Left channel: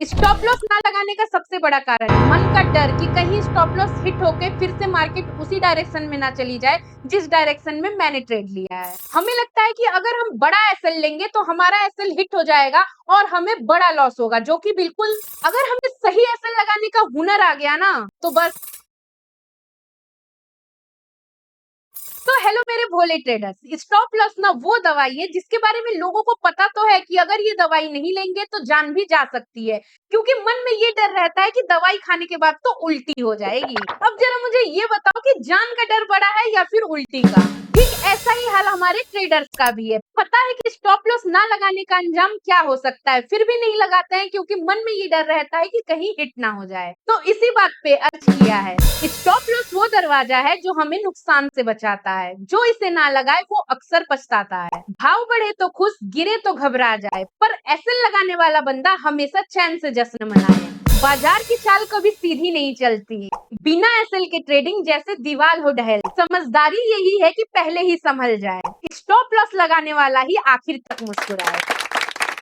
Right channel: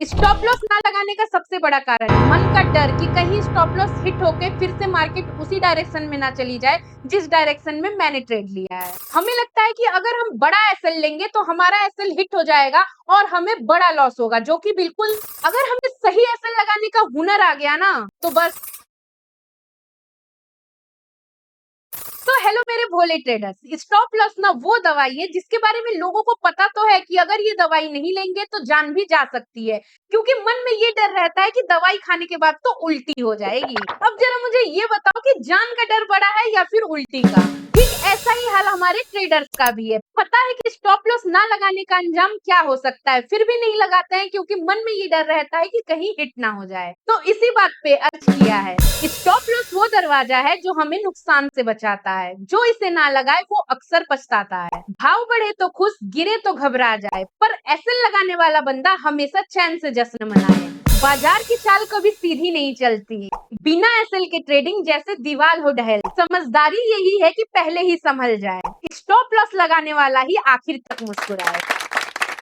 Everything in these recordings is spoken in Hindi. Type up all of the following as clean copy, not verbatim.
स्टॉप लॉस ना लगाने का सबसे बड़ा कारण मन का डर कि कहीं स्टॉप लॉस हिट होके फिर से मार्केट उसी डायरेक्शन में ना चली जाए जिस डायरेक्शन में मैंने ट्रेड लिया है। हमें लगता है कि अगर हम बड़ा एसएल लेंगे तो हमारा एसएल हिट हो जाएगा और हमें बड़ा लॉस होगा, जो कि बिल्कुल अगर हमें सही एसएल लगाने का हुनर आ गया ना तो बस। तो हेलो मेरे भोले ट्रेडर्स, स्टॉप लॉस ना वो दवाई है जिसके बारे में लोगों को पता तो है कि अगर ये दवाई नहीं लेंगे तो जान भी जा सकती है, क्योंकि मन में ये डर रहता है कि दवाई खाने के बाद तो उल्टी हो जाएगी। अब जरा मुझे ये बताओ कि जान का डर बड़ा है या फिर उल्टी का। ठीक ऐसा ही हाल हमारे ट्रेडर्स का भी है। पता है कि स्टॉप लॉस ना लगाने का अंजाम क्या हो सकता है, फिर भी नहीं लगाते हैं क्योंकि मन में ये डर रहता है कि कहीं हिट ना हो जाए। तो इसी बात पे आज किया है। स्टॉप लॉस वो दरवाजा है जो हमें नुकसान से बचाता है, जो इसे ना लगाए वो अक्सर पछताता है। भाव बढ़े तो खुश, गिरे तो घबरा जाए, पर एसएल लगाने वाला बंदा हमेशा चैन से जश्न मनाए। बाजार की चाल कभी सीधी नहीं चलती, बिना एसएल के ट्रेडिंग जैसे दीवार हो ढहल। समझदारी यही है कि पहले ही संभल जाए, स्टॉप लॉस लगाने वाला ही आखिर तक मुस्कुराए।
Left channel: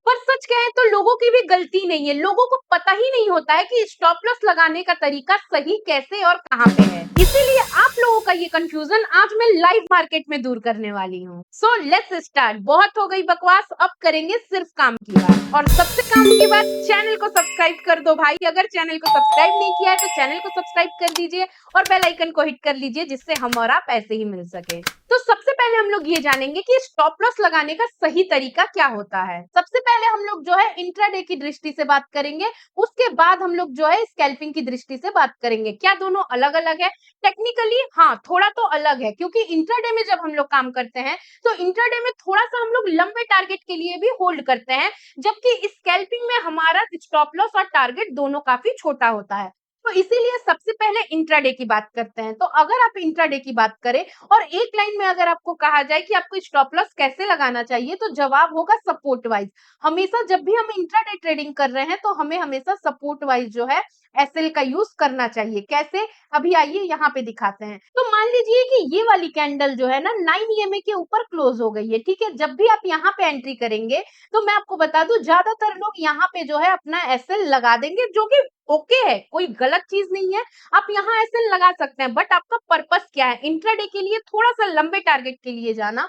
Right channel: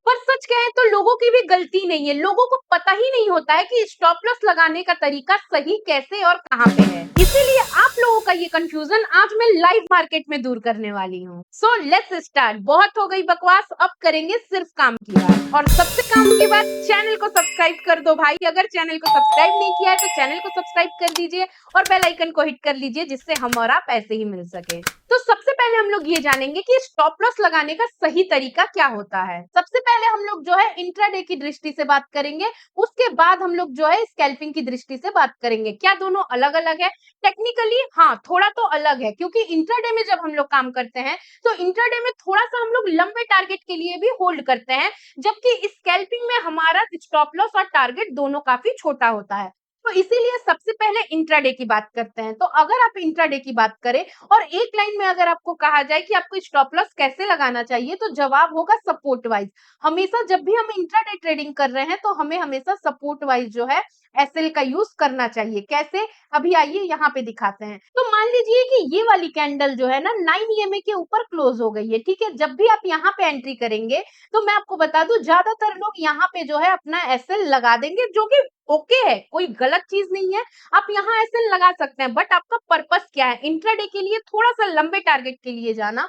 पर सच कहें तो लोगों की भी गलती नहीं है, लोगों को पता ही नहीं होता है कि स्टॉप लॉस लगाने का तरीका सही कैसे और कहाँ पे है। इसीलिए आप लोगों का ये कंफ्यूजन आज मैं लाइव मार्केट में दूर करने वाली हूँ। So let's start. बहुत हो गई बकवास, अब करेंगे सिर्फ काम की बात। और सबसे काम की बात, चैनल को सब्सक्राइब कर दो भाई। अगर चैनल को सब्सक्राइब नहीं किया है तो चैनल को सब्सक्राइब कर दीजिए और बेल आइकन को हिट कर लीजिए, जिससे हम और आप ऐसे ही मिल सके। तो सबसे पहले हम लोग ये जानेंगे कि स्टॉप लॉस लगाने का सही तरीका क्या होता है। सबसे पहले हम लोग जो है इंट्राडे की दृष्टि से बात करेंगे, उसके बाद हम लोग जो है स्कैल्पिंग की दृष्टि से बात करेंगे। क्या दोनों अलग अलग है? टेक्निकली हाँ, थोड़ा तो अलग है, क्योंकि इंट्राडे में जब हम लोग काम करते हैं तो इंट्राडे में थोड़ा सा हम लोग लंबे टारगेट के लिए भी होल्ड करते हैं, जबकि स्कैल्पिंग में हमारा स्टॉप लॉस और टारगेट दोनों काफी छोटा होता है। तो इसीलिए सबसे पहले इंट्राडे की बात करते हैं। तो अगर आप इंट्राडे की बात करें और एक लाइन में अगर आपको कहा जाए कि आपको स्टॉप लॉस कैसे लगाना चाहिए, तो जवाब होगा सपोर्ट वाइज। हमेशा जब भी हम इंट्राडे ट्रेडिंग कर रहे हैं तो हमें हमेशा सपोर्ट वाइज जो है एसएल का यूज करना चाहिए। कैसे? अभी आइए यहाँ पे दिखाते हैं। तो मान लीजिए कि ये वाली कैंडल जो है ना 9 ईएमए के ऊपर क्लोज हो गई है, ठीक है। जब भी आप यहाँ पे एंट्री करेंगे तो मैं आपको बता दूं, ज्यादातर लोग यहाँ पे जो है अपना एसएल लगा देंगे, जो कि ओके है, कोई गलत चीज नहीं है। आप यहाँ ऐसे लगा सकते हैं, बट आपका पर्पस क्या है? इंट्राडे के लिए थोड़ा सा लंबे टारगेट के लिए जाना।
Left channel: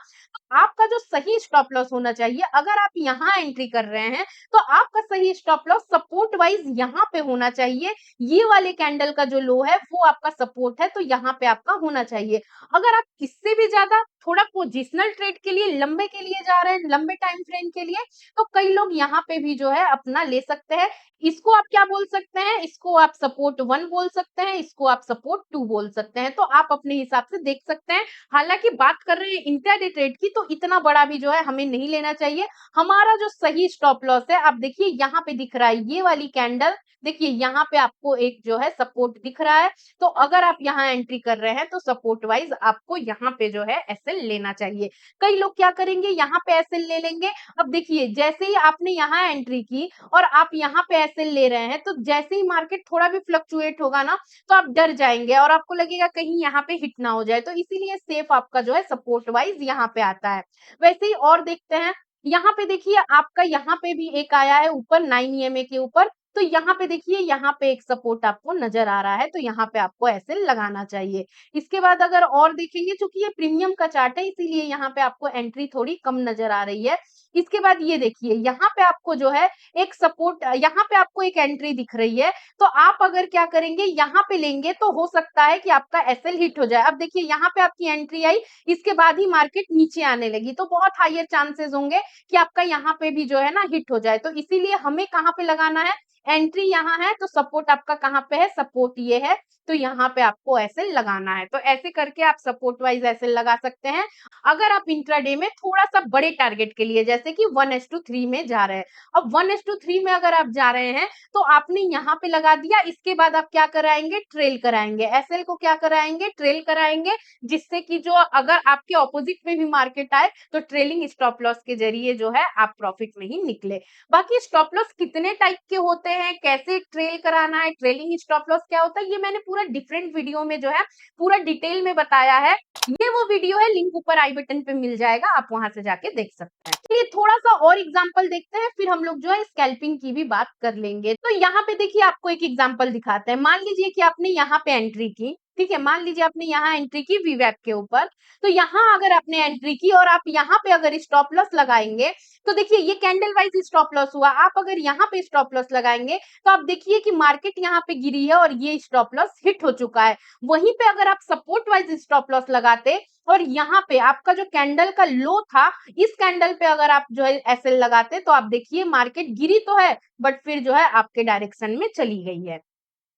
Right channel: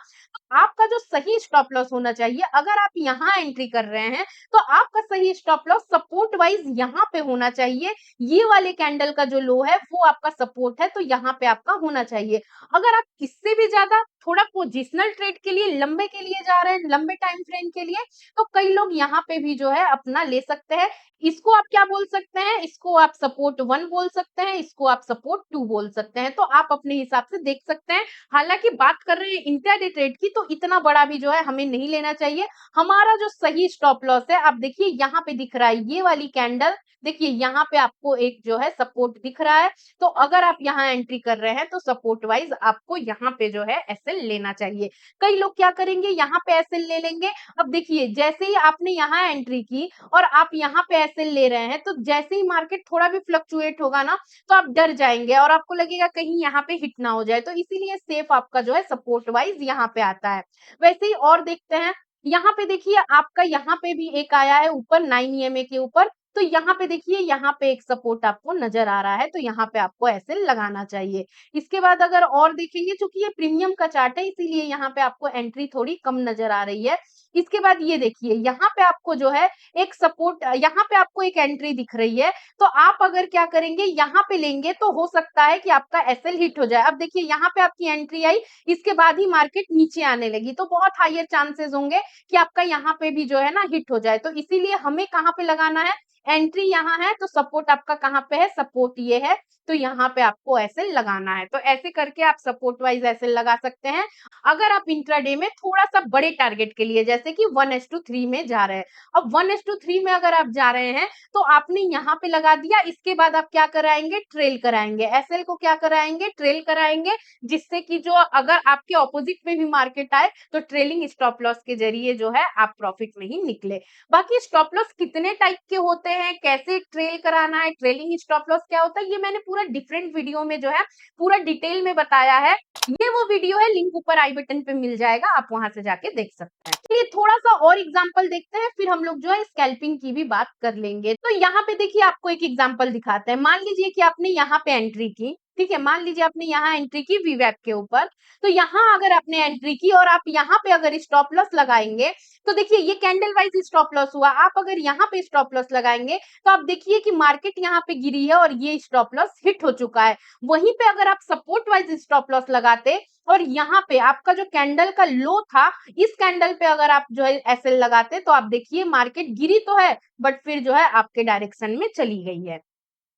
आपका जो सही स्टॉप लॉस होना चाहिए, अगर आप यहाँ एंट्री कर रहे हैं तो आपका सही स्टॉप लॉस सपोर्ट वाइज यहाँ पे होना चाहिए। ये वाले कैंडल का जो लो है वो आपका सपोर्ट है, तो यहाँ पे आपका होना चाहिए। अगर आप इससे भी ज्यादा थोड़ा पोजिशनल ट्रेड के लिए, लंबे के लिए जा रहे हैं, लंबे टाइम फ्रेम के लिए, तो कई लोग यहाँ पे भी जो है अपना ले सकते हैं। इसको आप क्या बोल सकते हैं? इसको आप सपोर्ट 1 बोल सकते हैं, इसको आप सपोर्ट 2 बोल सकते हैं। तो आप अपने हिसाब से देख सकते हैं। हालांकि बात कर रहे हैं इंट्राडे ट्रेड की, तो इतना बड़ा भी जो है हमें नहीं लेना चाहिए। हमारा जो सही स्टॉप लॉस है, आप देखिए यहाँ पे दिख रहा है ये वाली कैंडल। देखिए यहाँ पे आपको एक जो है सपोर्ट दिख रहा है, तो अगर आप यहाँ एंट्री कर रहे हैं तो सपोर्ट वाइज आपको यहाँ पे जो है एसएल लेना चाहिए। कई लोग क्या करेंगे, यहाँ पे एसएल ले लेंगे। अब देखिए जैसे ही आपने यहाँ एंट्री की और आप यहाँ पे एसएल ले रहे हैं, तो जैसे ही मार्केट थोड़ा भी फ्लक्चुएट होगा ना, तो आप डर जाएंगे और आपको लगेगा कहीं यहाँ पे हिट ना हो जाए। तो इसीलिए सेफ आपका जो है सपोर्ट वाइज यहाँ पे आता है। वैसे ही और देखते हैं, यहाँ पे देखिए आपका यहाँ पे भी एक आया है ऊपर 9 ईएमए के ऊपर। तो यहाँ पे देखिए यहाँ पे एक सपोर्ट आपको नजर आ रहा है, तो यहाँ पे आपको ऐसे लगाना चाहिए। इसके बाद अगर और देखेंगे, क्योंकि ये प्रीमियम का चार्ट है इसीलिए यहाँ पे आपको एंट्री थोड़ी कम नजर आ रही है। इसके बाद ये देखिए यहाँ पे आपको जो है एक सपोर्ट, यहाँ पे आपको एक एंट्री दिख रही है। तो आप अगर क्या करेंगे, यहाँ पे लेंगे तो हो सकता है कि आपका एसएल हिट हो जाए। अब देखिए यहाँ पे आपकी एंट्री आई, इसके बाद ही मार्केट नीचे आने लगी, तो बहुत हायर चांसेस होंगे कि आपका यहाँ पे भी जो है ना हिट हो जाए। तो इसीलिए हमें कहाँ पे लगाना है? एंट्री यहाँ है तो सपोर्ट आपका कहाँ पे है? सपोर्ट ये है, तो यहाँ पे आपको एसएल लगाना है। तो ऐसे करके आप सपोर्ट वाइज एसएल लगा सकते हैं। अगर आप इंट्राडे में थोड़ा सा बड़े टारगेट के लिए, जैसे कि 1:3 में जा रहे हैं, अब 1:3 में अगर आप जा रहे हैं तो आपने यहाँ पे लगा दिया, इसके बाद आप क्या कराएंगे? ट्रेल कराएंगे। एसएल को क्या कराएंगे? ट्रेल कराएंगे, जिससे कि जो अगर आपके ऑपोजिट में भी मार्केट आए तो ट्रेलिंग स्टॉप लॉस के जरिए जो है आप प्रॉफिट में ही निकले। बाकी स्टॉप लॉस कितने टाइप के होते हैं, कैसे ट्रेल कराना है, ट्रेलिंग स्टॉप लॉस क्या होता है, ये मैंने पूरा डिफरेंट वीडियो में जो है पूरा डिटेल में बताया है। ये वो वीडियो है, लिंक ऊपर आई बटन पे मिल जाएगा, आप वहां से जाके देख सकते हैं। चलिए थोड़ा सा और एग्जांपल देखते हैं, फिर हम लोग जो है स्कैल्पिंग की भी बात कर लेंगे। तो यहाँ पे देखिए आपको एक एग्जांपल दिखाते हैं। मान लीजिए कि आपने यहाँ पे एंट्री की, ठीक है, मान लीजिए आपने यहाँ एंट्री की वीवैप के ऊपर, तो यहाँ अगर आपने एंट्री की और आप यहाँ पे अगर स्टॉप लॉस लगाएंगे, तो देखिए ये कैंडल वाइज स्टॉप लॉस हुआ। आप अगर यहाँ पे स्टॉप लॉस लगाएंगे तो आप देखिए कि मार्केट यहाँ पे गिरी है और ये स्टॉप लॉस हिट हो चुका है। वहीं पे अगर आप सपोर्ट वाइज स्टॉप लॉस लगाते और यहाँ पे आपका जो कैंडल का लो था, इस कैंडल पे अगर आप जो है एसएल लगाते, तो आप देखिए मार्केट गिरी तो है बट फिर जो है आपके डायरेक्शन में चली गई है।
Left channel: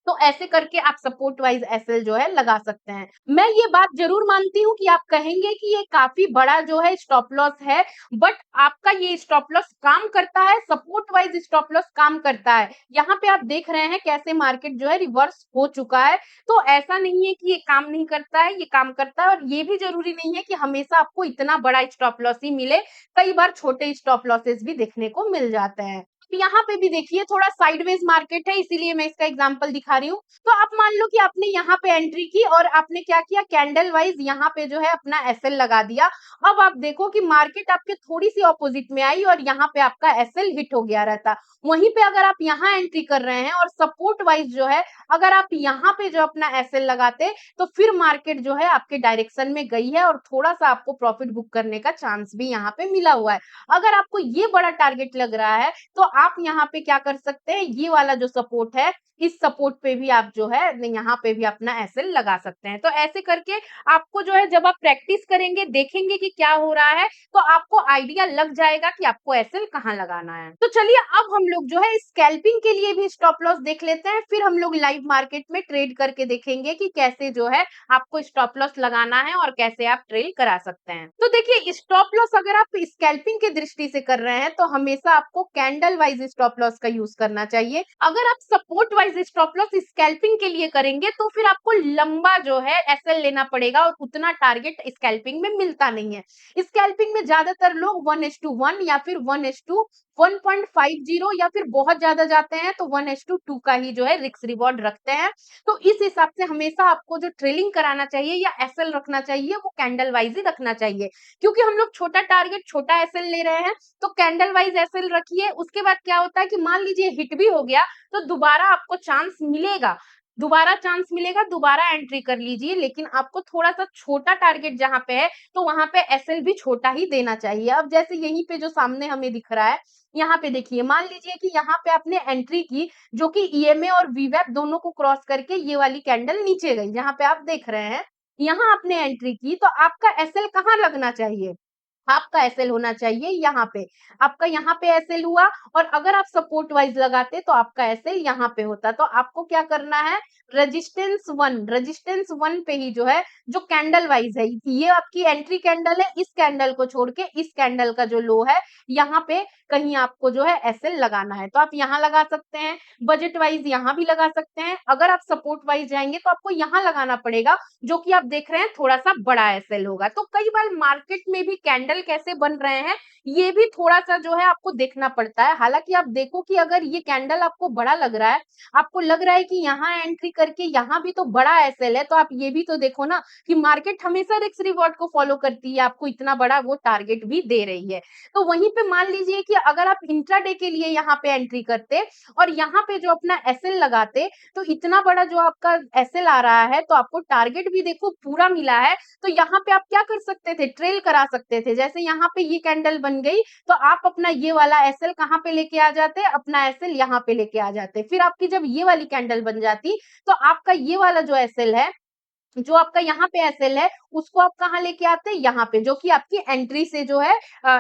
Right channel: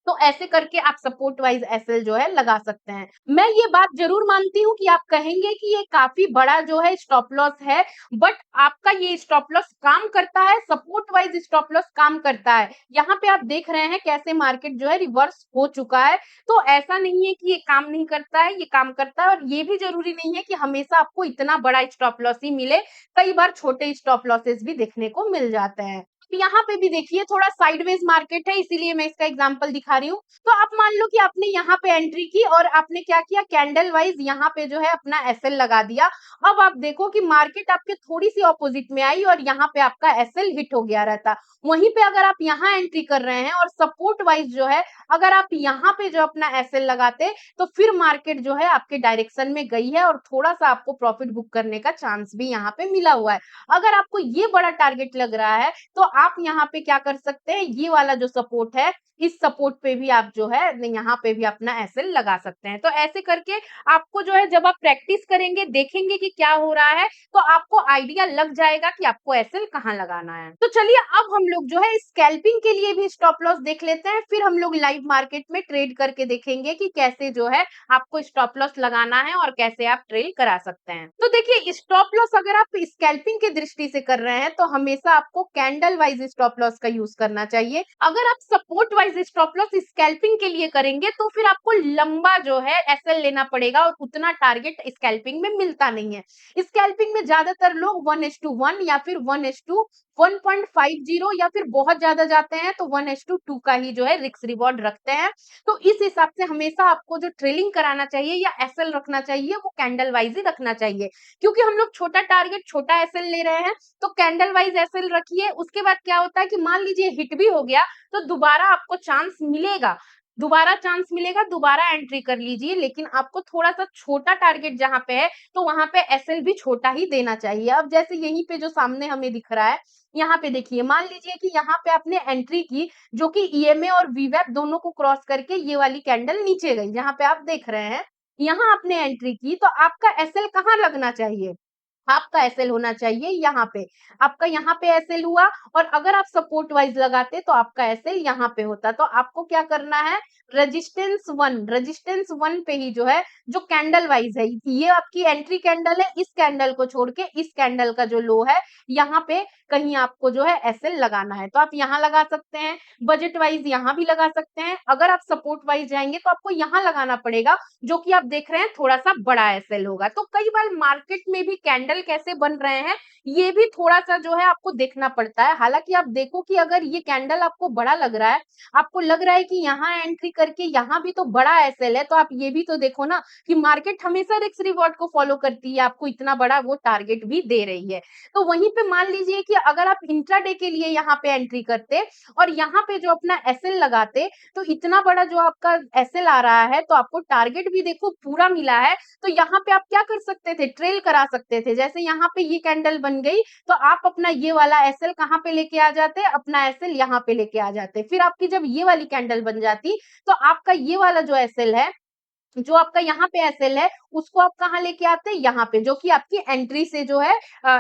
तो ऐसे करके आप सपोर्ट वाइज एसएल जो है लगा सकते हैं। मैं ये बात जरूर मानती हूँ कि आप कहेंगे कि ये काफी बड़ा जो है स्टॉप लॉस है, बट आपका ये स्टॉप लॉस काम करता है, सपोर्ट वाइज स्टॉप लॉस काम करता है। यहाँ पे आप देख रहे हैं कैसे मार्केट जो है रिवर्स हो चुका है। तो ऐसा नहीं है कि ये काम नहीं करता है, ये काम करता है। और ये भी जरूरी नहीं है कि हमेशा आपको इतना बड़ा स्टॉप लॉस ही मिले, कई बार छोटे स्टॉप लॉसेस भी देखने को मिल जाते हैं। यहाँ पे भी देखिए थोड़ा साइडवेज मार्केट है, इसीलिए मैं इसका एग्जांपल दिखा रही हूँ। तो आप मान लो कि आपने यहाँ पे एंट्री की और आपने क्या किया, कैंडल वाइज यहाँ पे जो है अपना एसएल लगा दिया। अब आप देखो कि मार्केट आपके थोड़ी सी ऑपोजिट में आई और यहाँ पे आपका एसएल हिट हो गया रहता। वहीं पे अगर आप यहाँ एंट्री कर रहे हैं और सपोर्ट वाइज जो है अगर आप यहाँ पे जो अपना एसएल लगाते, तो फिर मार्केट जो है आपके डायरेक्शन में गई है और थोड़ा सा आपको प्रॉफिट बुक करने का चांस भी यहाँ पे मिला हुआ है। अगर आपको ये बड़ा टारगेट लग रहा है तो आप यहाँ पे क्या कर सकते हैं, ये वाला जो सपोर्ट है, इस सपोर्ट पे भी आप जो है यहाँ पे भी अपना एसएल लगा सकते हैं। तो ऐसे करके आपको जो है जब आप प्रैक्टिस करेंगे, देखेंगे कि क्या हो रहा है, तो आपको आइडिया लग जाएगा कि आपको एसएल कहाँ लगाना है। तो चलिए अब हम लोग जो है स्कैल्पिंग के लिए भी स्टॉप लॉस देख लेते हैं, फिर हम लोग लाइव मार्केट में ट्रेड करके देखेंगे कि कैसे जो है आपको स्टॉप लॉस लगाना है और कैसे आप ट्रेड करा सकते हैं। तो देखिए स्टॉप लॉस अगर आप स्कैल्पिंग की दृष्टि से कर रहे हैं तो हमेशा आपको कैंडल वाइज स्टॉप लॉस का यूज करना चाहिए। अगर आप support wise stop loss scalping के लिए करेंगे तो फिर आपको लंबा जो है एसएल लेना पड़ेगा और उतना टारगेट स्कैल्पिंग में मिलता नहीं है। स्कैल्पिंग में ज्यादातर लोग 1:1 या फिर 1:1.50 या फिर बहुत ज्यादा जाते हैं तो 1:2 का ही जो है रिस्क रिवॉर्ड रखते हैं। तो इस हिसाब से हमेशा आपको जो ट्रेलिंग कराना चाहिए या एसएल रखना चाहिए वो कैंडल वाइज ही रखना चाहिए, क्योंकि हम लोग छोटा टारगेट छोटा एसएल ले रहे हैं। तो कैंडल वाइज एसएल रखिए। उसके बाद क्या होता है कि मान लीजिए हिट भी हो गया तो दोबारा आपको चांस मिलेगा, दोबारा एंट्री कर लीजिए, लेकिन आपको थोड़ा सा छोटा टारगेट जहां पे है तो वहां पे एसएल भी छोटा ही देना चाहिए। अब जैसे यहीं पे जो सामने हमें दिख रहा है, यहाँ पे देखिए, मान लीजिए कि यहाँ पे आपने एंट्री की जो कि ईएमए और वीवैप दोनों को क्रॉस करके ये वाली कैंडल नीचे गई, जहां पे आप देख रहे हैं यहाँ आपने एंट्री की, तो आपका एसएल कहाँ लगना चाहिए, आपका एसएल होना चाहिए यहाँ पे। आपका यहाँ पे एसएल हुआ और अगर आप सपोर्ट वाइज लगाते तो आपका एसएल यहाँ पे होता। तो आपको क्या करना है, रेजिस्टेंस 1 पे ही जो है जो कैंडल वाइज है, ये आपकी एंट्री कैंडल है, इस कैंडल को छोड़ के इस कैंडल का जो लो है यहाँ पे कहीं आपको जो है एसएल लगाना है। तो आप यहाँ लगा सकते हैं, बजट वाइज यहाँ भी लगा सकते हैं। अगर आप सपोर्ट वाइज जाएंगे तो आपको यहाँ लगाना पड़ेगा, जो कि आप देख रहे हैं थोड़ा सा बड़ा एसएल होगा। तो कई बार मार्केट में भी कैंडल कैसे बन रहे हैं ये भी थोड़ा सा जो है आपको देखना पड़ता है। हालांकि आप देखो कि अगर ये कैंडल आपको बड़ा लग रहा है, आपको लग रहा है कि यहाँ एंट्री करके यहाँ भी तो बड़ा एसएल है, तो आप ये भी तो देखो ना कि मार्केट हमेशा रिस्क रिवॉर्ड को फॉलो करती है, आपको इतना बड़ा वो टारगेट भी दे रही है। तो वहीं पे मान लीजिए कि अगर आप इंट्राडे के लिए यहाँ पे एंट्री करते और यहाँ पे जो अपना एसएल लगाते, तो इतना बड़ा जो आपका एसएल आ रहा है तो आपको टारगेट भी देखो पूरा मिला है। तो यहाँ पे आप क्या कर सकते थे, ट्रेल करा सकते थे। जैसे यहाँ पे ये कैंडल बन गई तो आप अपना ये वाला एसएल कहाँ पे लेके आ जाते, अपना एसएल यहाँ पे लेके आ जाते। फिर आपकी जब ये वाली कैंडल बन जाती तो आपका ये वाला जो एसएल है, जो आपका यहाँ पे एसएल है, उसको आप कहाँ लेके आते हैं, यहाँ पे, जो कि आपकी एंट्री से जो है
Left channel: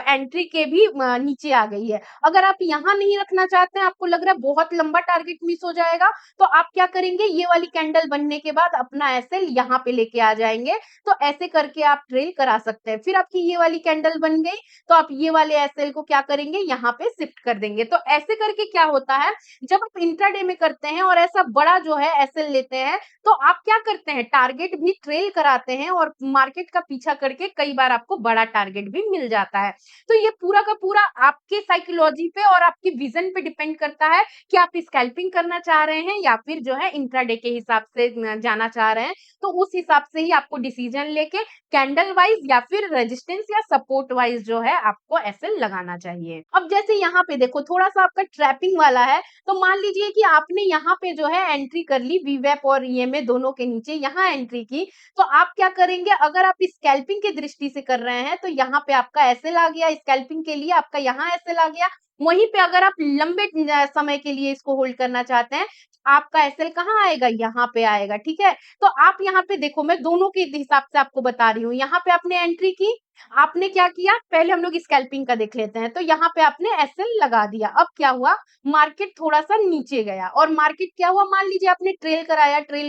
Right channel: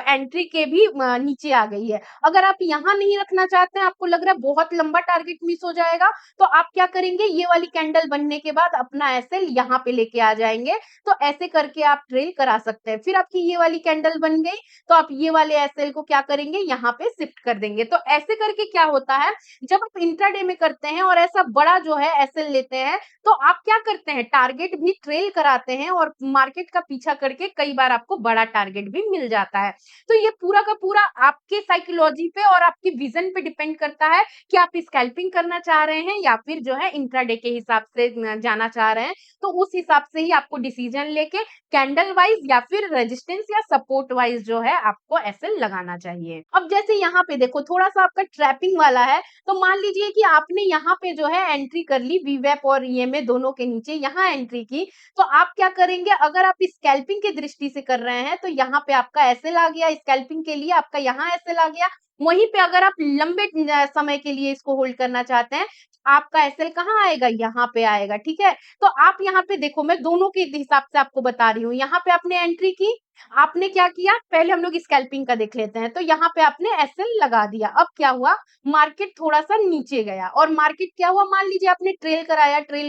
एंट्री के भी नीचे आ गई है। अगर आप यहाँ नहीं रखना चाहते हैं, आपको लग रहा है बहुत लंबा टारगेट मिस हो जाएगा, तो आप क्या करेंगे, ये वाली कैंडल बनने के बाद अपना एसएल यहाँ पे लेके आ जाएंगे। तो ऐसे करके आप ट्रेल करा सकते हैं। फिर आपकी ये वाली कैंडल बन गई तो आप ये वाले एसएल को क्या करेंगे, यहाँ पे शिफ्ट कर देंगे। तो ऐसे करके क्या होता है, जब आप इंट्राडे में करते हैं और ऐसा बड़ा जो है एसएल लेते हैं, तो आप क्या करते हैं, टारगेट भी ट्रेल कराते हैं और मार्केट का पीछा करके कई बार आपको बड़ा टारगेट भी मिल जाता है। तो ये पूरा का पूरा आपके साइकोलॉजी पे और आपके विजन पे डिपेंड करता है कि आप स्कैल्पिंग करना चाह रहे हैं या फिर जो है इंट्राडे के हिसाब से जाना चाह रहे हैं। तो उस हिसाब से ही आपको डिसीजन लेके कैंडल वाइज या फिर रेजिस्टेंस या सपोर्ट वाइज जो है आपको एसएल लगाना चाहिए। अब जैसे यहाँ पे देखो थोड़ा सा आपका ट्रैपिंग वाला है, तो मान लीजिए कि आपने यहाँ पे जो है एंट्री कर ली वीवैप और ईएमए दोनों के नीचे यहाँ एंट्री की, तो आप क्या करेंगे अगर आप स्कैल्पिंग की दृष्टि से कर रहे हैं तो यहाँ पे आपका एसएल आ गया, स्कैल्पिंग के लिए आपका यहाँ एसएल आ गया। वहीं पे अगर आप लंबे समय के लिए इसको होल्ड करना चाहते हैं, आपका एसएल कहाँ आएगा? यहाँ पे आएगा, ठीक है? तो आप यहाँ पे देखो मैं दोनों के हिसाब से आपको बता रही हूँ। यहाँ पे आपने एंट्री की, आपने क्या किया? पहले हम लोग स्कैल्पिंग का देख लेते हैं। तो यहाँ पे आपने एसएल लगा दिया। अब क्या हुआ? मार्केट थोड़ा-सा नीचे गया और मार्केट क्या हुआ? मान लीजिए आपने ट्रेल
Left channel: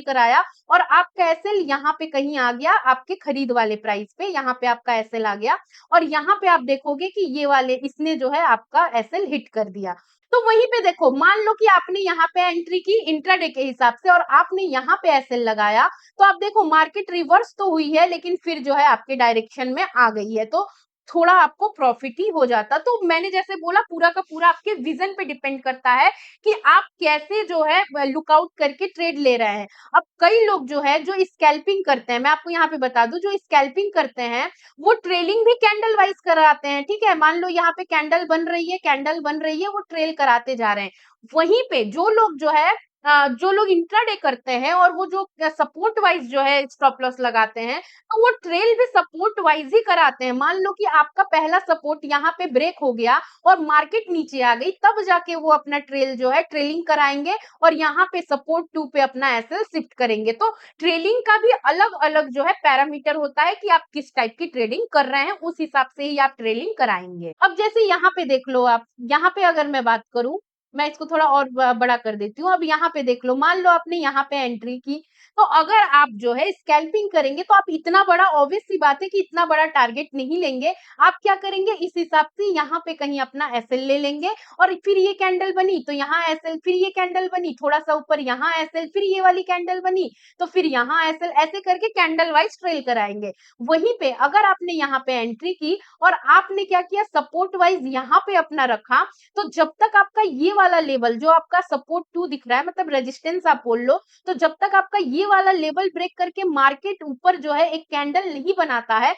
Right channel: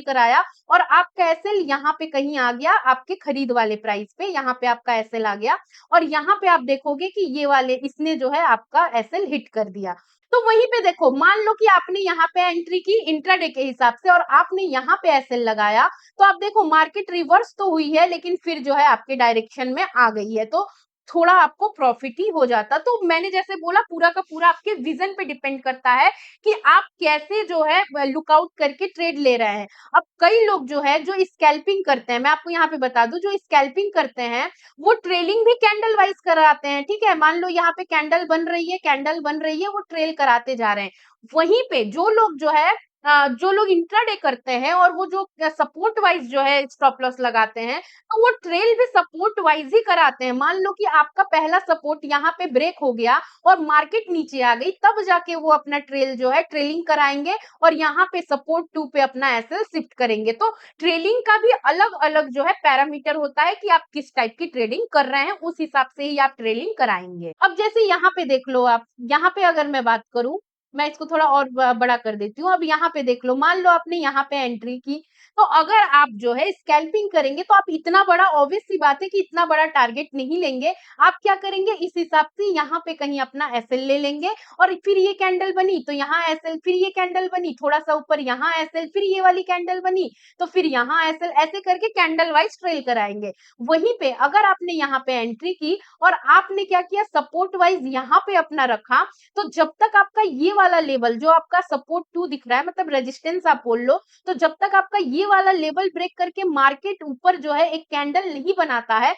कराया और आपका एसएल यहाँ पे कहीं आ गया आपके खरीद वाले प्राइस पे, यहाँ पे आपका एसएल आ गया और यहाँ पे आप देखोगे कि ये वाले इसने जो है आपका एसएल हिट कर दिया। तो वहीं पे देखो मान लो कि आपने यहाँ पे एंट्री की इंट्राडे के हिसाब से और आपने यहाँ पे एसएल लगाया, तो आप देखो मार्केट रिवर्स तो हुई है लेकिन फिर जो है आपके डायरेक्शन में आ गई है, तो थोड़ा आपको प्रॉफिट ही हो जाता। तो मैंने जैसे बोला पूरा का पूरा आपके विजन पे डिपेंड करता है कि आप कैसे जो है लुकआउट करके ट्रेड ले रहे हैं। अब कई लोग जो है जो स्कैल्पिंग करते हैं, मैं आपको यहाँ पे बता दूं, जो स्कैल्पिंग करते हैं वो ट्रेलिंग भी कैंडल वाइज कराते हैं, ठीक है? मान लो यहाँ पे कैंडल बन रही है, वो ट्रेल कराते जा रहे हैं। वहीं पे जो लोग इंट्राडे करते हैं और वो जो सपोर्ट वाइज जो है स्टॉप लॉस लगाते हैं, तो वो ट्रेल भी सपोर्ट वाइज ही कराते हैं। मान लो कि आपका पहला सपोर्ट यहाँ पे ब्रेक हो गया और मार्केट नीचे आ गई, तब जाके वो अपना ट्रेल जो है ट्रेलिंग कराएंगे और यहाँ पे सपोर्ट 2 पे अपना एसएल शिफ्ट करेंगे। तो ट्रेलिंग का भी अलग-अलग जो है पैरामीटर होता है कि आप किस टाइप की ट्रेडिंग कर रहे हैं, उस हिसाब से ही आप ट्रेलिंग कराएंगे। अब जैसे यहाँ पे देख लो आप, यहाँ पे अगर मैं बात करूँ, मैं इसको थोड़ा और बड़ा कर देती हूँ। अब यहाँ पे देख लो, मान लो आपने यहाँ पे एंट्री की, तो अगर आप जो है स्कैल्पिंग करेंगे तो आप इतना बड़ा ऑब्वियस सी बात है कि इतना बड़ा टारगेट नहीं लेंगे। आप क्या करेंगे इस हिसाब से यहाँ पे कहीं अपना एसएल ले लेंगे और फिर ये कैंडल बनी तो यहाँ एसएल, फिर ये कैंडल बनी थोड़ा-सा ऊपर यहाँ एसएल, फिर ये वाली कैंडल बनी तो फिर यहाँ एसएल, ऐसे करके कैंडल वाइज ट्रेल कराएंगे। वहीं पे अगर आपने यहाँ पे एंट्री की और आपने क्या किया सपोर्ट वाइज यहाँ पे अपना रखा, तो जब तक आपका ये वाला लेवल जो आपका सपोर्ट 2 दिख रहा है मतलब रेजिस्टेंस आप बोल लो, तो जब तक आपका ये वाला लेवल ब्रेक करके मार्केट ऊपर जो है एक कैंडल नहीं बनाता है,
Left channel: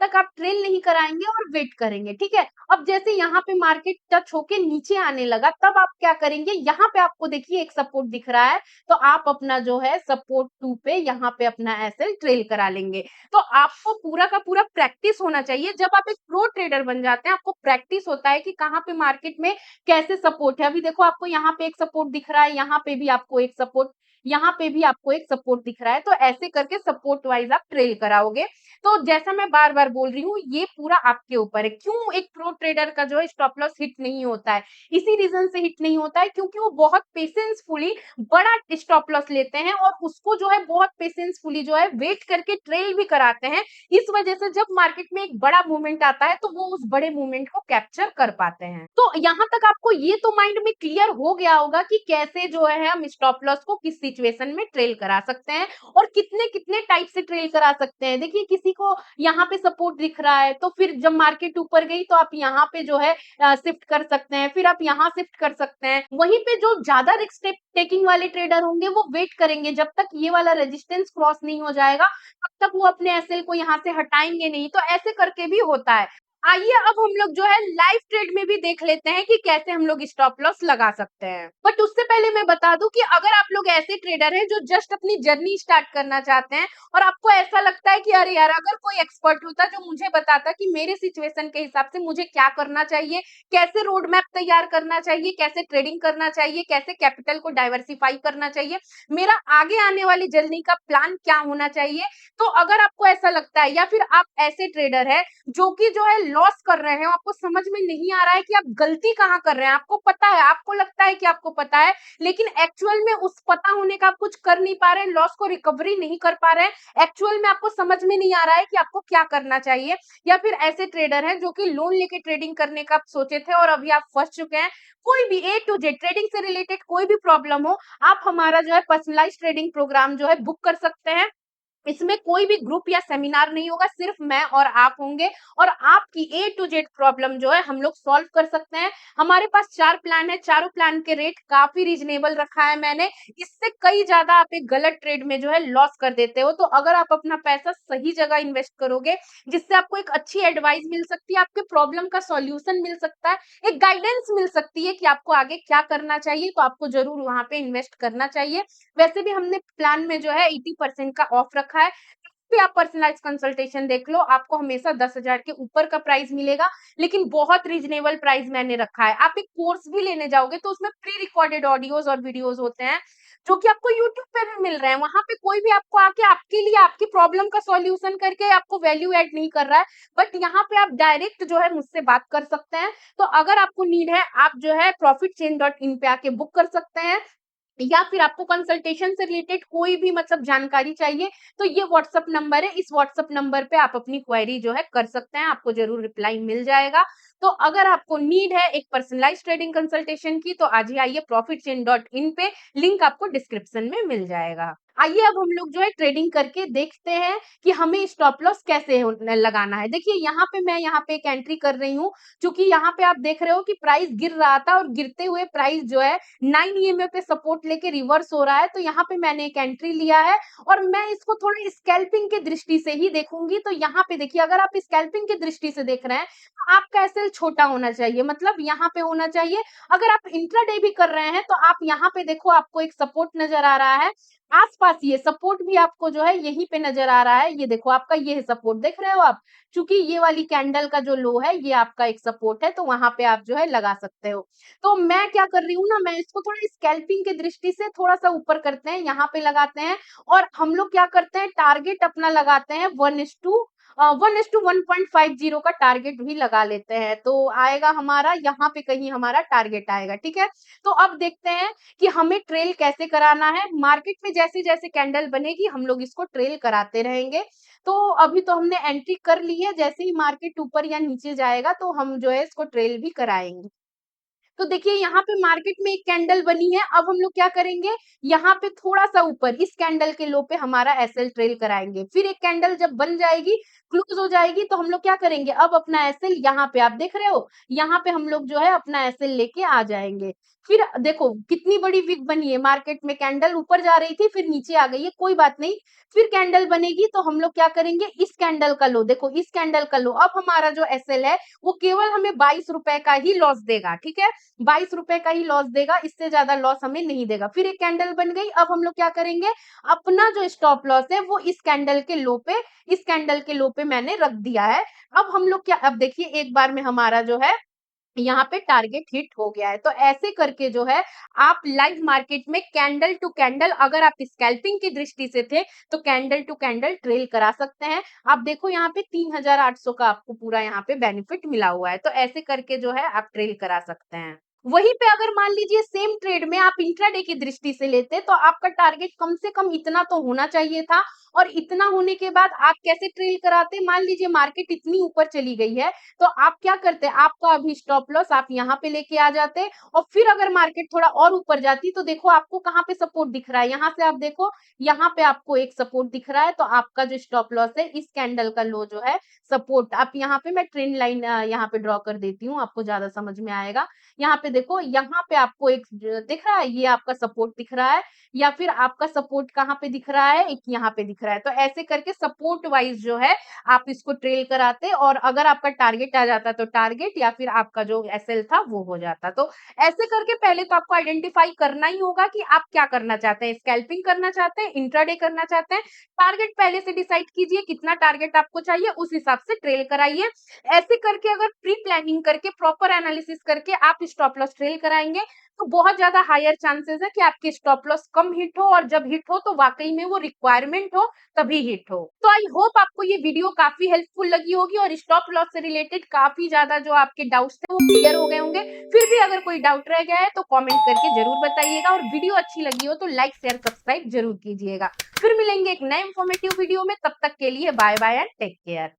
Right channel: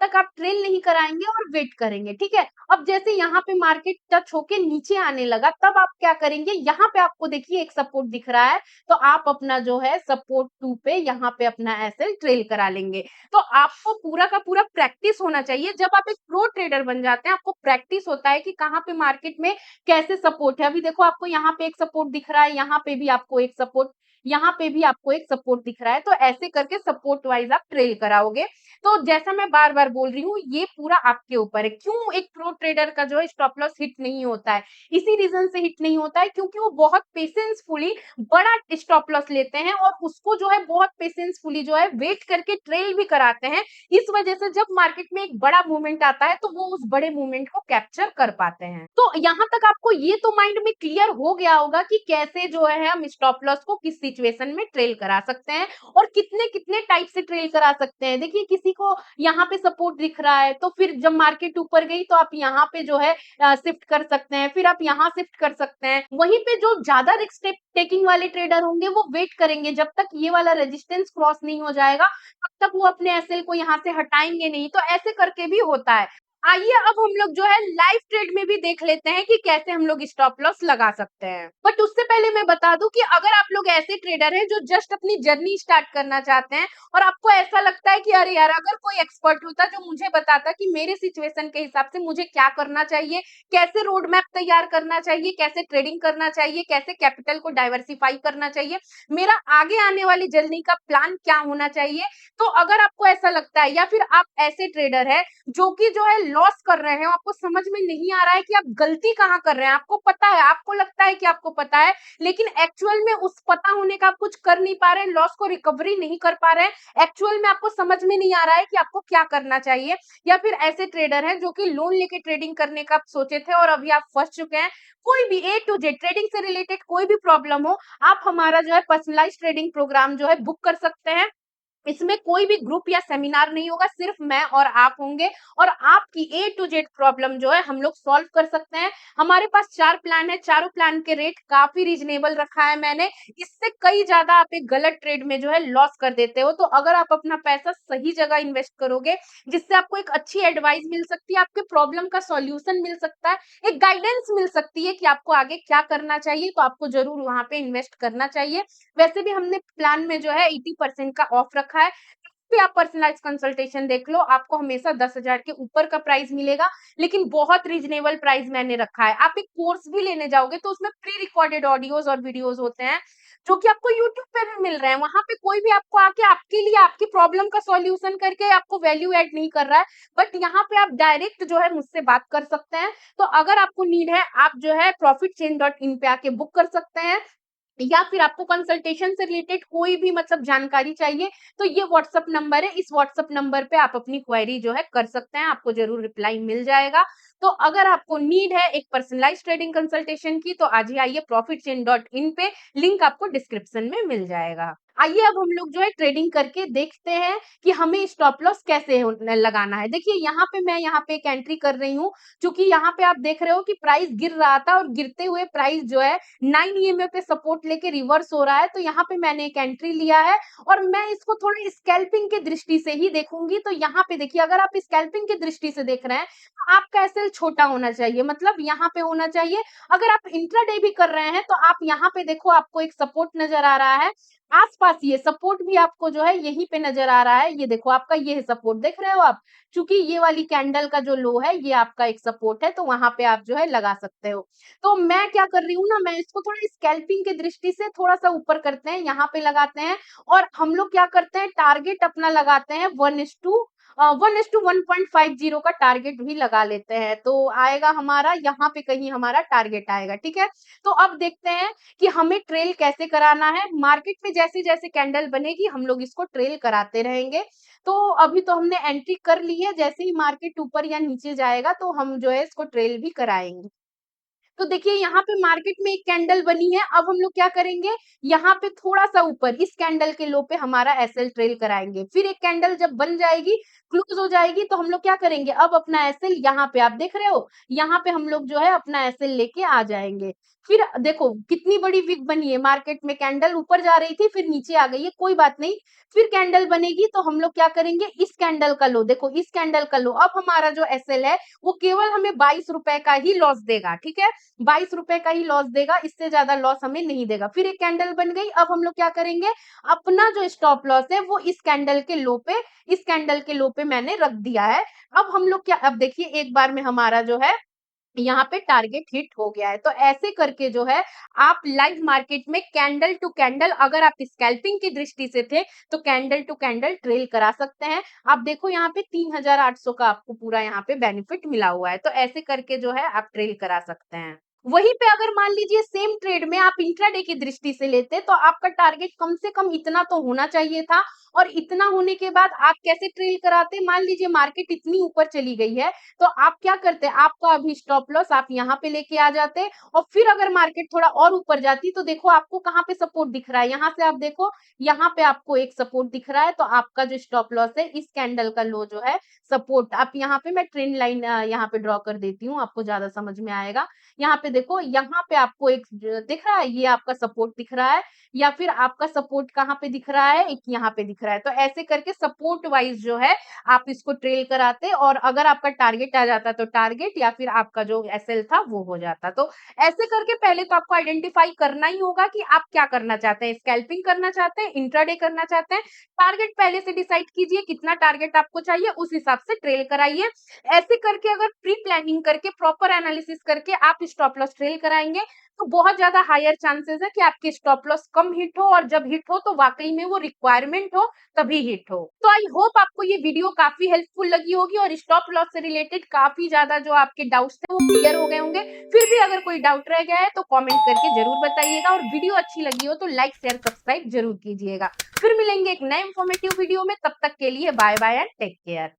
तब तक आप ट्रेल नहीं कराएंगे और वेट करेंगे, ठीक है? अब जैसे यहाँ पे मार्केट टच होके नीचे आने लगा, तब आप क्या करेंगे, यहाँ पे आपको देखिए एक सपोर्ट दिख रहा है, तो आप अपना जो है सपोर्ट 2 पे यहाँ पे अपना एसएल ट्रेल करा लेंगे। तो आपको पूरा का पूरा प्रैक्टिस होना चाहिए। जब आप एक प्रो ट्रेडर बन जाते हैं, आपको प्रैक्टिस होता है कि कहाँ पे मार्केट में कैसे सपोर्ट है। अभी देखो आपको यहाँ पे एक सपोर्ट दिख रहा है, यहाँ पे भी आपको एक सपोर्ट, यहाँ पे भी आपको एक सपोर्ट दिख रहा है, तो ऐसे करके सपोर्ट वाइज आप ट्रेल कराओगे। तो जैसा मैं बार-बार बोल रही हूँ, ये पूरा आपके ऊपर है। क्यों एक प्रो ट्रेडर का जो है स्टॉप लॉस हिट नहीं होता है? इसी रीज़न से हिट नहीं होता है क्योंकि वो बहुत पेशेंसफुली बड़ा स्टॉप लॉस लेते हैं और उसको जो है बहुत पेशेंसफुली जो है वेट करके ट्रेल भी कराते हैं। इस वजह से जब मार्केट में एक बड़ा मूवमेंट आता है, तो वो उस बड़े मूवमेंट को कैप्चर कर पाते हैं। तो यहाँ तक आपको ये तो माइंड में क्लियर हो गया होगा कि कैसे जो है हम स्टॉप लॉस को किस सिचुएशन में ट्रेल करा सकते हैं और कितने-कितने टाइप से ट्रेल करा सकते हैं। देखिए किसी को यहाँ पे सपोर्ट दिख रहा है, तो फिर जब मार्केट ऊपर गई तो आप यहाँ पे जो है शिफ्ट कर सकते हैं, फिर आप यहाँ शिफ्ट कर सकते हैं। वहीं पे जो ज़्यादा रिस्क टेकिंग वाले ट्रेडर होंगे, वो वेट करेंगे जब तक ये वाला रेजिस्टेंस क्रॉस नहीं हो जाएगा, तब तक वो अपने एसएल को यहाँ से हटाएँगे नहीं। तो ऐसे करके भी होता है। आइए अब हम लोग जो है लाइव ट्रेड में भी देख लेते हैं कि कैसे हम लोग स्टॉप लॉस लगा सकते हैं। बट उससे पहले मैं बता दूं कि अगर आप लोग ऐसे ट्रेडर हैं जो जस्ट अपनी जर्नी स्टार्ट करना चाहते हैं और आपको ऐसा लगता है कि अरे यार अगर कोई एक्सपर्ट होता जो मुझे बताता कि मेरी सिचुएशन के हिसाब से मुझे क्या करना चाहिए, कैसे रोड मैप तैयार करना चाहिए, कैसे ट्रेडिंग करना चाहिए, कैसे कैपिटल को डाइवर्सिफाई करना चाहिए, मेरा आगे आने वाली जर्नी का प्लान क्या होना चाहिए, तो अगर आपको ऐसा लगता है या फिर आप ऐसे ट्रेडर है जो कि जो है लॉस कर रहे हैं, आपको समझ में नहीं आ रहा है कि आप गलती कहाँ कर रहे हैं, आपको पता है, आपको लगता है कि आपको पता है, लेकिन एक्चुअल में उस पता होने का आप कुछ कर नहीं पा रहे हैं, लॉस को रिकवरी नहीं कर पा रहे हैं, एक्चुअल में आपको समझ में नहीं आ रहा है कि आपको क्या करना चाहिए, या फिर ऐसे ट्रेडर हैं जो कि लोन लेके ट्रेडिंग करने का आप सोचे थे और अभी आप फंस चुके हैं, कोई भी ए टू जेड ट्रेडिंग से रिलेटेड कोई भी प्रॉब्लम हो, आप हमारा जो है पर्सनलाइज्ड ट्रेडिंग प्रोग्राम जो है बुक कर सकते हैं। इसमें कोई भी ग्रुप या सेमिनार नहीं होगा, सिर्फ मैं और आप होंगे और आपकी ए टू जेड प्रॉब्लम जो है हम लोग सॉल्व कर सकते हैं। हमारे पास 4 प्लान है, चारों प्लान के रेट काफ़ी रीज़नेबल रखा है मैंने। इससे कई ज़्यादा आप एक गलत ट्रेड में जो है लॉस कर देते हो। तो अगर आप अपना पैसा सही जगह इन्वेस्ट करोगे, जिससे आपको एक अच्छी एडवाइस मिल सकती है, आपके प्रॉब्लम का सॉल्यूशन मिल सकता है, एक गाइडेंस मिल सकती है कि आपको आगे क्या करना चाहिए, तो आपको ज़रूर वहाँ पे इन्वेस्ट करना चाहिए। वैसे भी हमने प्लान में जो है 80% का ऑफ रखा है। फिर आप पर्सनलाइज्ड कंसल्टेशन देख लो, आपको हमेशा 10,000 के ऊपर का प्राइस मिलेगा, लेकिन बहुत रीजनेबल प्राइस मैंने रखा है। आप एक कोर्स भी लेने जाओगे तो उसमें प्री रिकॉर्डेड ऑडियोज और वीडियोज होते हैं, जो कि आपको यूट्यूब पे भी मिल रहे हैं। वहां पे कोई भी आपको आके आपके लिए आपकी प्रॉब्लम का सॉल्यूशन करके आपको वैल्यू ऐड नहीं कर रहा है, बट यहाँ पे आप डायरेक्ट जो है मुझसे बात कर सकते हैं। तो अगर आपको नीड है, आप जो है profitchain.in पे आके बुक कर सकते हैं, या फिर आपको कंसल्टेशन से रिलेटेड कोई भी मतलब जानकारी चाहिए, तो ये व्हाट्सएप नंबर है। इस व्हाट्सएप नंबर पे आप अपनी क्वेरी जो है कर सकते हैं, आपको जरूर रिप्लाई मिल जाएगा। तो अगर आपको नीड है एक पर्सनलाइज्ड ट्रेडिंग कंसल्टेशन की, तो आज ही आइए profitchain.in पे, लिंक आपको डिस्क्रिप्शन में मिल जाएगा। आइए अब हम लोग जो है ट्रेडिंग करके देखते हैं कि हमें स्टॉप लॉस कैसे लगाना है। देखिए यहाँ पे मैं यहाँ पे एक एंट्री कर रही हूँ, क्योंकि यहाँ पे आप देख रहे हो कि प्राइस गिर रहा था और गिरते हुए प्राइस जो है 9 ईएमए पे सपोर्ट लेके रिवर्स हो रहा है। तो यहाँ पे मैंने एक एंट्री लिया है और मैं इसको थोड़ी स्कैल्पिंग की दृष्टि से ही देखूंगी। तो यहाँ पे देखिए, अगर आप स्कैल्पिंग की दृष्टि से देख रहे हैं, तो आपका एसएल छोटा होना चाहिए, मतलब यहाँ पे होना चाहिए। अगर आप इंट्राडे भी कर रहे हैं, तो आप यहाँ पे देखो, आपको एक सपोर्ट नजर आ रहा है आसपास, ये सपोर्ट भी आपको जो है यहीं पे नजर आ रहा है। ये देखो, आपका ये सपोर्ट देख रहे हो आप, क्योंकि ये वाली कैंडल का जो लो है ये आपका एक सपोर्ट है, तो वहां पे आप जो है लगा सकते हो। तो मैं क्या कर रही हूँ ना, मैं इसको थोड़ा स्कैल्पिंग की दृष्टि से थोड़ा सा ऊपर करते हैं, यहाँ पे लगाते हैं। और हम लोग क्या करते हैं, टारगेट अपना लगाते हैं 1:1.50 का टारगेट भी लगा लेते हैं। तो आएगा हमारा यहाँ पे कहीं हमारा टारगेट आएगा, ठीक है। तो अब देखते हैं कि हमें ट्रेल कैसे कराना है। मार्केट में जैसे जैसे कैंडल बनेगी, हम लोग इसको ट्रेल कराते रहेंगे। तो अभी तो हमने एंट्री कर ली है, जैसे ही मार्केट ऊपर या नीचे जाएगा तो हम जो है इसको ट्रेल भी कराएंगे। तो देखिए यहाँ पे मार्केट में एक कैंडल बनी है, अब हम लोग क्या करेंगे, यहाँ पे थोड़ा सा ऊपर इस कैंडल के लो पे हमारा एसएल ट्रेल कराएंगे। फिर एक कैंडल जब बन जाएगी, क्लोज हो जाएगी, तो हम लोग क्या करेंगे, अब अपना एसएल यहाँ पे आप देख रहे हो, यहाँ पे हम लोग जो है अपना एसएल लेके आ जाएंगे। फिर देखो कितनी बड़ी विक बनी है, मार्केट में कैंडल ऊपर जा रही थी, फिर नीचे आ गई है, कोई बात नहीं। फिर कैंडल बनेगी तो हम लोग क्या करेंगे, इस कैंडल का लो देखो, इस कैंडल का लो, अब हमारा जो एसएल है वो केवल हमें 22 रुपए का ही लॉस देगा, ठीक है। 22 रुपए का ही लॉस देगा, इससे ज्यादा लॉस हमें नहीं देगा। फिर एक कैंडल बन गई, अब हम लोग क्या करेंगे, अपना जो स्टॉप लॉस है वो इस कैंडल के लो पे, इस कैंडल के लो पे मैंने रख दिया है। अब हम लोग क्या, अब देखिए एक बार में हमारा जो है यहाँ पे टारगेट हिट हो गया है। तो ऐसे करके जो है आप लाइव मार्केट में कैंडल टू कैंडल, अगर आप स्कैल्पिंग की दृष्टि से थे तो कैंडल टू कैंडल ट्रेल करा सकते हैं। आप देखो यहाँ पे 3,800 का आपको पूरा यहाँ पे बेनिफिट मिला हुआ है। तो ऐसे करके जो है आप ट्रेल करा सकते हैं। वहीं पे अगर मान लीजिए सेम ट्रेड में आप इंट्राडे की दृष्टि से लेते, तो आपका टारगेट कम से कम इतना तो होना चाहिए था। और इतना होने के बाद आप कैसे ट्रेल कराते, मान लीजिए मार्केट इतनी ऊपर चली गई है, तो आप क्या करते, आपका अभी स्टॉप लॉस आप यहाँ पे लेके आ जाते। और फिर अगर मार्केट थोड़ा और ऊपर जाती, तो देखो आपको कहाँ पे सपोर्ट दिख रहा है, यहाँ से आप देखो, यहाँ पे आपको एक सपोर्ट दिख रहा है। तो आपका जो स्टॉप लॉस है, इस कैंडल का लो जो है सपोर्ट, आप यहाँ पे मैं ट्रेंड लाइन यहाँ पे ड्रॉ कर देती हूँ, आपको ज्यादा समझ में आएगा। यहाँ पे देखो, यहाँ पे आपको एक दिख रहा है, ये आपका सपोर्ट दिख रहा है, या फिर आपका सपोर्ट कहाँ पे दिख रहा है, एक यहाँ पे दिख रहा है। तो ऐसे करके सपोर्ट वाइज जो है आप इसको ट्रेल कराते, और अगर आपका टारगेट आ जाता तो टारगेट, या फिर आपका जो एसएल था वो हो जाता। तो ऐसे करके पहले तो आपको आइडेंटिफाई करना ही होगा कि आप क्या करना चाहते हैं, स्कैल्पिंग करना चाहते हैं, इंट्राडे करना चाहते हैं। टारगेट पहले से डिसाइड कीजिए, कितना टारगेट आपको चाहिए, उस हिसाब से ट्रेल कराइए। ऐसे करके अगर प्री प्लानिंग करके प्रॉपर एनालिसिस करके आप स्टॉप लॉस ट्रेल कराएंगे, तो बहुत ज्यादा हायर चांसेस है कि आपके स्टॉप लॉस कम हिट हो, और जब हिट हो तो वाकई में वो रिक्वायरमेंट हो तभी हिट हो। तो आई होप आपको ये वीडियो काफी हेल्पफुल लगी होगी, और स्टॉप लॉस से रिलेटेड काफी ज्यादा जो आपके डाउट्स थे वो क्लियर हो गए होंगे। फिर भी अगर कोई डाउट रह गया है तो कमेंट करके जरूर बताइएगा, और वीडियो अच्छी लगी हो तो लाइक शेयर सब्सक्राइब जरूर कीजिएगा। फिर मिलेंगे एक नए इंफॉर्मेटिव वीडियो में, तब तक के लिए bye bye and take care.